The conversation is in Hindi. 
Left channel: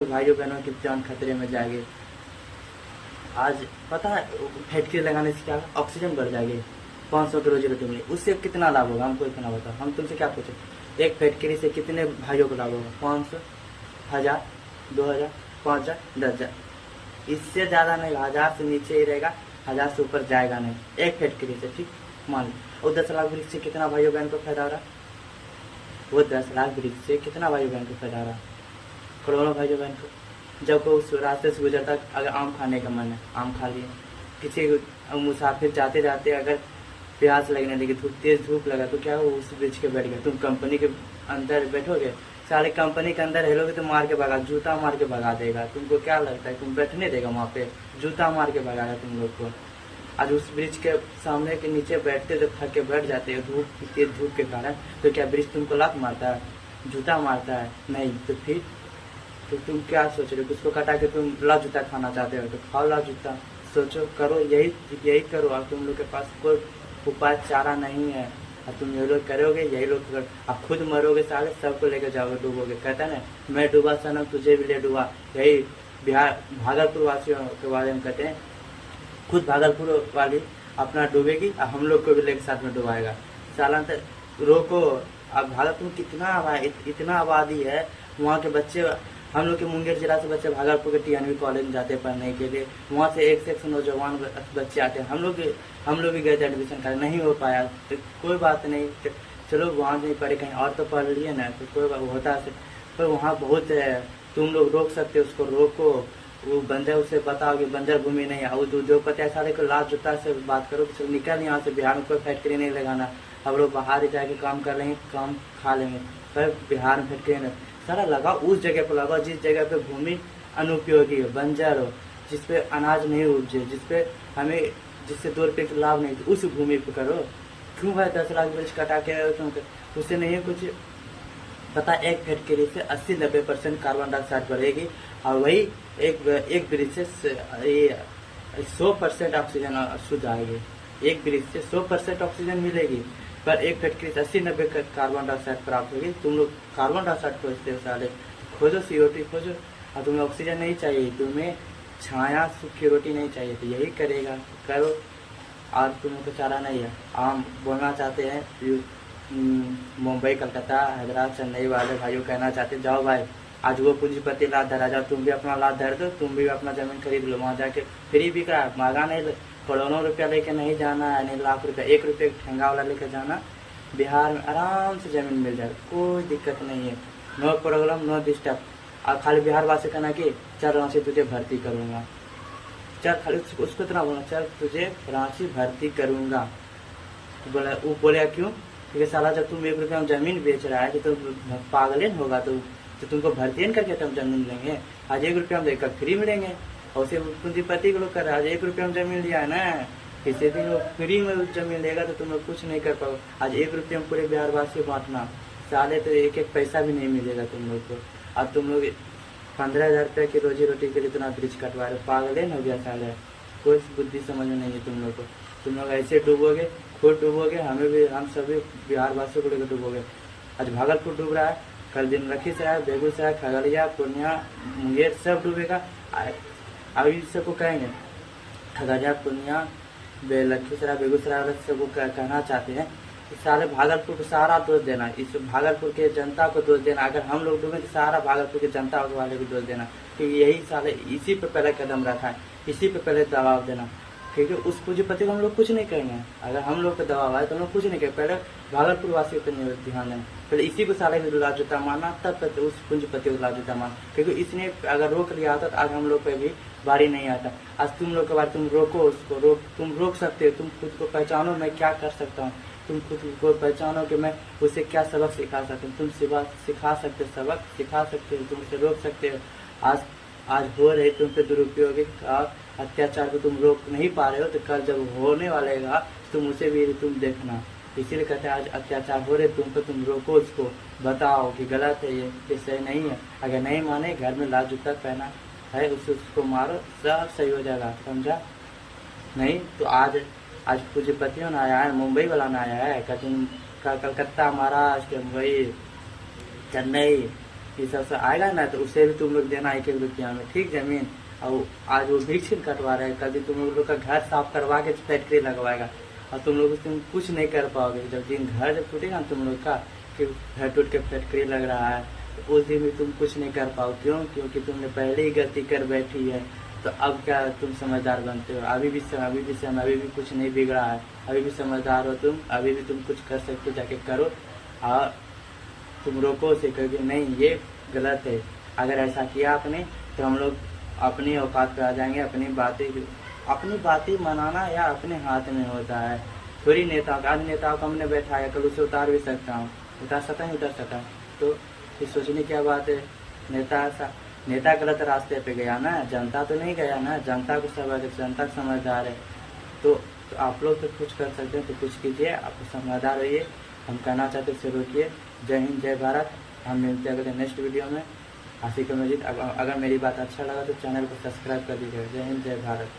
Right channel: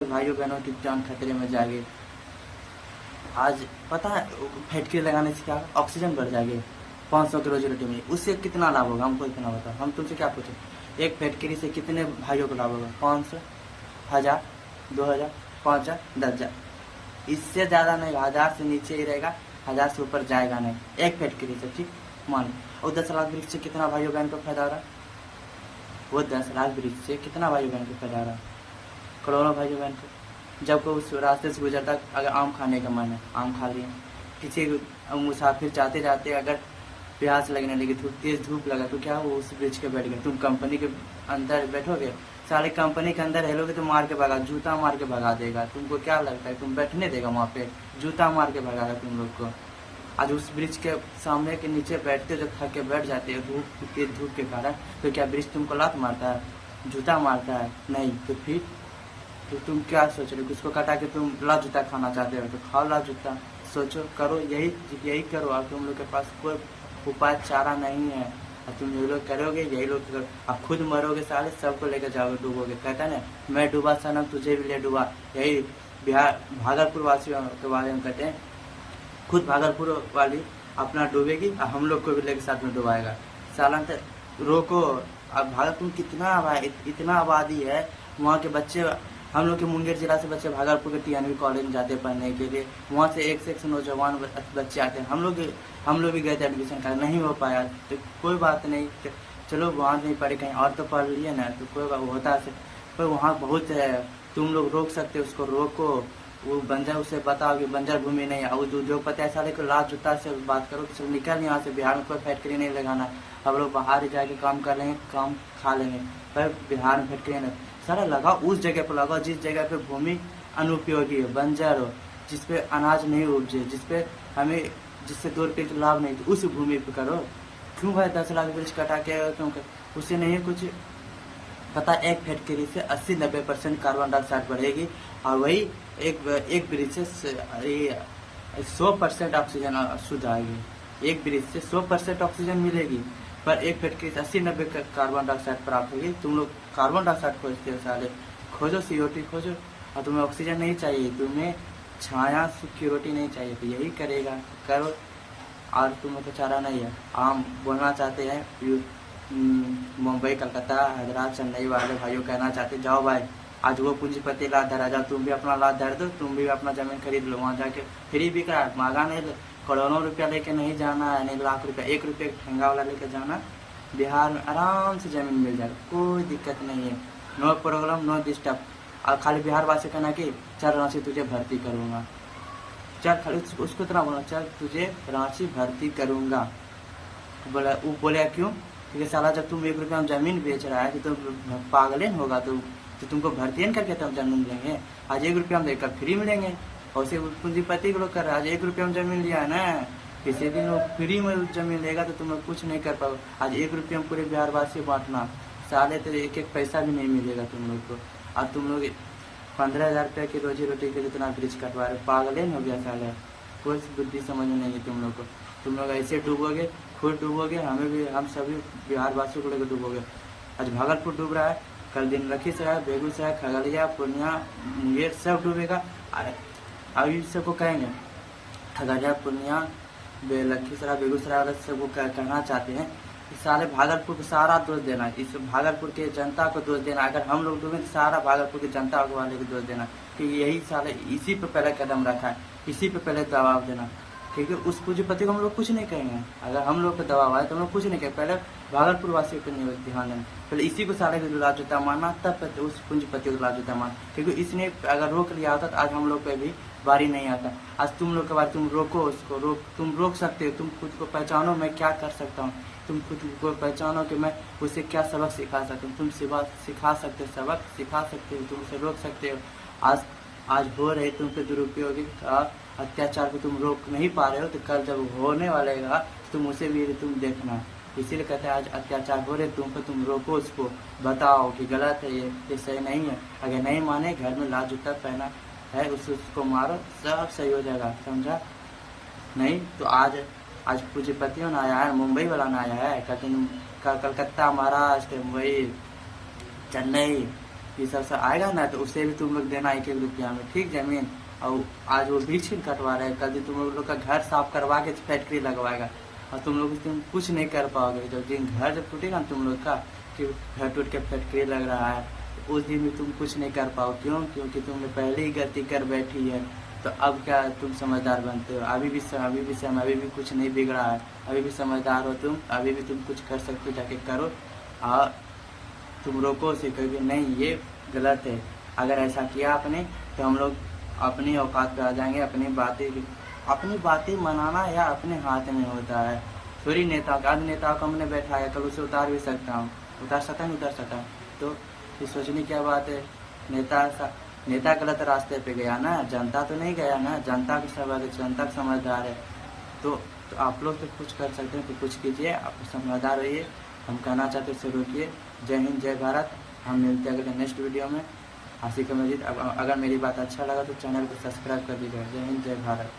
भाइयों बहनों की जान खतरे में जाएगी। आज पता है फैक्ट्री लगाने से क्या ऑक्सीजन बढ़ जाएगी, 500 की रोजी रोटी में। उससे कितना लाभ होगा हमको इतना बताओ। हम तुमसे क्या पूछे, एक फैक्ट्री से कितने भाइयों को लाभ होगा? 500, 1000, 2000, 5000, 10,000। इससे ज्यादा नहीं, 1000 से नीचे ही रहेगा, 1000 से ऊपर जाएगा नहीं एक फैक्ट्री से। ठीक मान लो। और 10 लाख वृक्ष से कितना भाइयों बहन को फायदा हो रहा? वो 10 लाख वृक्ष से कितना भाइयों बहन को फायदा हो रहा? करोड़ों भाइयों बहन को। जब को उस रास्ते से गुजरता, अगर आम खाने का मन है, आम खा लिए। किसी मुसाफिर जाते जाते अगर प्यास लगने लगी, तेज धूप लगा, तो क्या वो उस वृक्ष के बैठ गया? तुम कंपनी के अंदर बैठोगे, साले कंपनी के अंदर हेलोगे तो मार के भगा, जूता मार के भगा देगा। तुमको क्या लगता है तुम बैठने देगा वहां पे? जूता मार के भगाएगा तुम लोग को। आज उस वृक्ष के सामने के नीचे बैठते, जब थक के बैठ जाते हो धूप, तेज धूप के कारण, तो क्या वृक्ष तुमको लात मारता है, जूता मारता है? नहीं। तो फिर तो तुम क्या सोच रहे हो? किसको कटा के तुम लाल जूता खाना चाहते हो? तो खाओ लाल जूता। सोचो, करो, यही करो। अब तुम लोग के पास कोई उपाय चारा नहीं है। अब तुम ये लोग करोगे, यही लोग करो। अब खुद मरोगे साले, सबको लेकर जाओगे, डूबोगे। कहता है ना, मैं डूबा सनम तुझे भी ले डूबा। यही बिहार भागलपुर वासियों के बारे में कहते हैं। खुद भागलपुर वाली अपना डूबेगी और हम लोग को भी लेकर साथ में डुबाएगा। सालन तक रोको। अब भागलपुर इतना आबादी है, वहाँ के बच्चे, हम लोग के मुंगेर जिला से बच्चे भागलपुर के टीएनवी कॉलेज में जाते हैं पढ़ने के लिए। वहाँ से एक से एक नौजवान बच्चे आते हैं। हम लोग भी गए थे एडमिशन कर, नहीं हो पाया। तो कोई बात नहीं, चलो वहाँ नहीं पढ़े, कहीं और तो पढ़ लिए ना, तो कोई बात होता है। पर वहाँ बहुत है, तुम लोग रोक सकते हो, उसको रोको। वो बंजर, उसे बताओ कि बंजर भूमि नहीं है। वो जो पता है साले को लाल जूता से बात करो कि निकल यहाँ से, बिहार में कोई फैक्ट्री नहीं लगाना। अब लोग बाहर ही जाके काम कर लेंगे, काम खा लेंगे, पर बिहार में फैक्ट्री नहीं। सारा लगाओ उस जगह पर लगाओ जिस जगह पे भूमि अनुपयोगी है, बंजर हो, जिसपे अनाज नहीं उपजे, जिससे 2 रुपये का लाभ नहीं, उस भूमि पे करो। क्यों भाई 10 लाख वृक्ष कटा के तुम? उससे नहीं कुछ पता। एक फैक्ट्री से 80-90% कार्बन डाइऑक्साइड बढ़ेगी, और वही एक वृक्ष से 100% ऑक्सीजन शुद्ध आएगी। एक वृक्ष से 100% ऑक्सीजन मिलेगी, पर एक फैक्ट्री से 80-90 कार्बन डाइऑक्साइड प्राप्त होगी। तुम लोग कार्बन डाइऑक्साइड खोजते हो साले, खोजो CO2 खोजो। और तुम्हें ऑक्सीजन नहीं चाहिए, तुम्हें छाया सुख की रोटी नहीं चाहिए, तो यही करेगा, करो। और तुम लोग को चारा नहीं है। हम बोलना चाहते हैं मुंबई, कलकत्ता, हैदराबाद, चेन्नई वाले भाइयों कहना चाहते, जाओ भाई, आज वो पूंजीपति लात धरा जाओ, तुम भी अपना लात धर दो, तुम भी अपना जमीन खरीद लो। वहाँ जाके फ्री भी का मांगा नहीं, करोड़ों रुपया लेके नहीं जाना है, नहीं लाख रुपया, 1 रुपये ठेंगा वाला लेके जाना। बिहार में आराम से जमीन मिल जाए, कोई दिक्कत नहीं है। No problem, no disturb. और खाली बिहार वासी कहना कि चल रांची तुझे भर्ती करूंगा, चल, खाली उसको इतना बोला, चल तुझे रांची भर्ती करूंगा। बोला, वो बोले क्यों? ठीक है साला, जब तुम 1 रुपया में जमीन बेच रहा है कि तो पागल होगा, तो तुमको भर्ती करके तुम जमीन लेंगे। आज 1 रुपया में देकर फ्री मिलेंगे। और उसे पूंजीपति के लोग कर रहे हैं, आज 1 रुपया में जमीन लिया है ना, किसी दिन वो फ्री में जमीन लेगा तो तुम लोग कुछ नहीं कर पाओगे। आज 1 रुपया में पूरे बिहार वासी बांटना, साले तो एक पैसा भी नहीं मिलेगा तुम लोग को। और तुम लोग 15,000 रुपये की रोजी रोटी के लिए इतना वृक्ष कटवा रहे, पागल हो गया साले। कोई बुद्धि समझ में नहीं है तुम लोग को। तुम लोग ऐसे डूबोगे, खुद डूबोगे, हमें भी, हम सभी बिहार वासियों को लेकर डूबोगे। आज भागलपुर डूब रहा है, कल दिन लखीसराय, बेगूसराय, खगड़िया, पूर्णिया, मुंगेर सब डूबेगा। अब इन सबको कहेंगे, खगड़िया, पूर्णिया, लखीसराय, बेगूसराय वाले सबको कहना चाहते हैं कि साले भागलपुर को सारा दोष देना, इस भागलपुर के जनता को दोष देना। अगर हम लोग डूबे तो सारा भागलपुर की जनता वाले को दोष देना कि यही साले इसी पे पहले कदम रखा है, इसी पे पहले दबाव देना। क्योंकि उस पूंजीपति को हम लोग कुछ नहीं कहेंगे। अगर हम लोग पे दबाव आए तो हम लोग कुछ नहीं कहेंगे। पहले भागलपुर वासियों पे ध्यान देना, पहले इसी को साले को लाल जूता मारना, तब उस पूंजीपति को लाल जूता मारना। क्योंकि इसने अगर रोक लिया होता तो आज हम लोग पे भी बारी नहीं आता। आज तुम लोग के बाद तुम रोको उसको, तुम रोक सकते हो। तुम खुद को पहचानो, मैं क्या कर सकता हूँ। तुम खुद को पहचानो कि मैं उसे क्या सबक सिखा सकता हूँ। तुम सिखा सकते हो, सबक सिखा सकते हो, तुम उसे रोक सकते हो। आज हो रहे तुम पे दुरुपयोग और अत्याचार को तुम रोक नहीं पा रहे हो, तो कल जब होने वालेगा तुम उसे भी तुम देखना। इसीलिए कहते हैं आज अत्याचार हो रहे तुम पे, तुम रोको उसको, बताओ कि गलत है, ये सही नहीं है। अगर नहीं माने, घर में लाल जूता पहना है, उसको मारो, सब सही हो जाएगा, समझा? नहीं तो आज पूंजीपतियों ने आया है, मुंबई वाला ने आया है, कलकत्ता, महाराष्ट्र, मुंबई, चेन्नई, हिसाब से आएगा ना तो उसे भी तुम लोग देना 1-1 रुपया में, ठीक जमीन। और आज वो वृक्ष कटवा रहे हैं, कल दिन तुम लोग का घर साफ करवा के फैक्ट्री लगवाएगा और तुम लोग कुछ नहीं कर पाओगे। जब दिन घर जब टूटेगा ना तुम लोग का कि घर टूट के फैक्ट्री लग रहा है, तो उस दिन भी तुम कुछ नहीं कर पाओ। क्यों? क्योंकि तुमने पहले ही गलती कर बैठी है। तो अब क्या तुम समझदार बनते हो? अभी भी समय अभी भी कुछ नहीं बिगड़ा है, अभी भी समझदार हो तुम, अभी भी तुम कुछ कर सकते हो, जाके करो। और तुम रोको उसे, कहोगे नहीं ये गलत है। अगर ऐसा किया आपने तो हम लोग अपनी औकात पे आ जाएंगे। अपनी बातें मनाना या अपने हाथ में होता है, थोड़ी नेताओं का। आज नेताओं को हमने बैठाया, कल उसे उतार भी सकता हूँ, उतार सकता नहीं उतार सकता। तो फिर सोचने क्या बात है? नेता गलत रास्ते पे गया ना, जनता तो नहीं गया ना। जनता को जनता समझदार है। तो आप लोग तो कुछ कर सकते हैं तो कुछ कीजिए, आप समझदार रहिए। हम कहना चाहते उसे रोकिए। जय हिंद, जय भारत। हम मिलते हैं अगले नेक्स्ट वीडियो में। आशिक मजीद। अगर मेरी बात अच्छा लगा तो चैनल को सब्सक्राइब कर दीजिएगा। जय हिंद, जय भारत।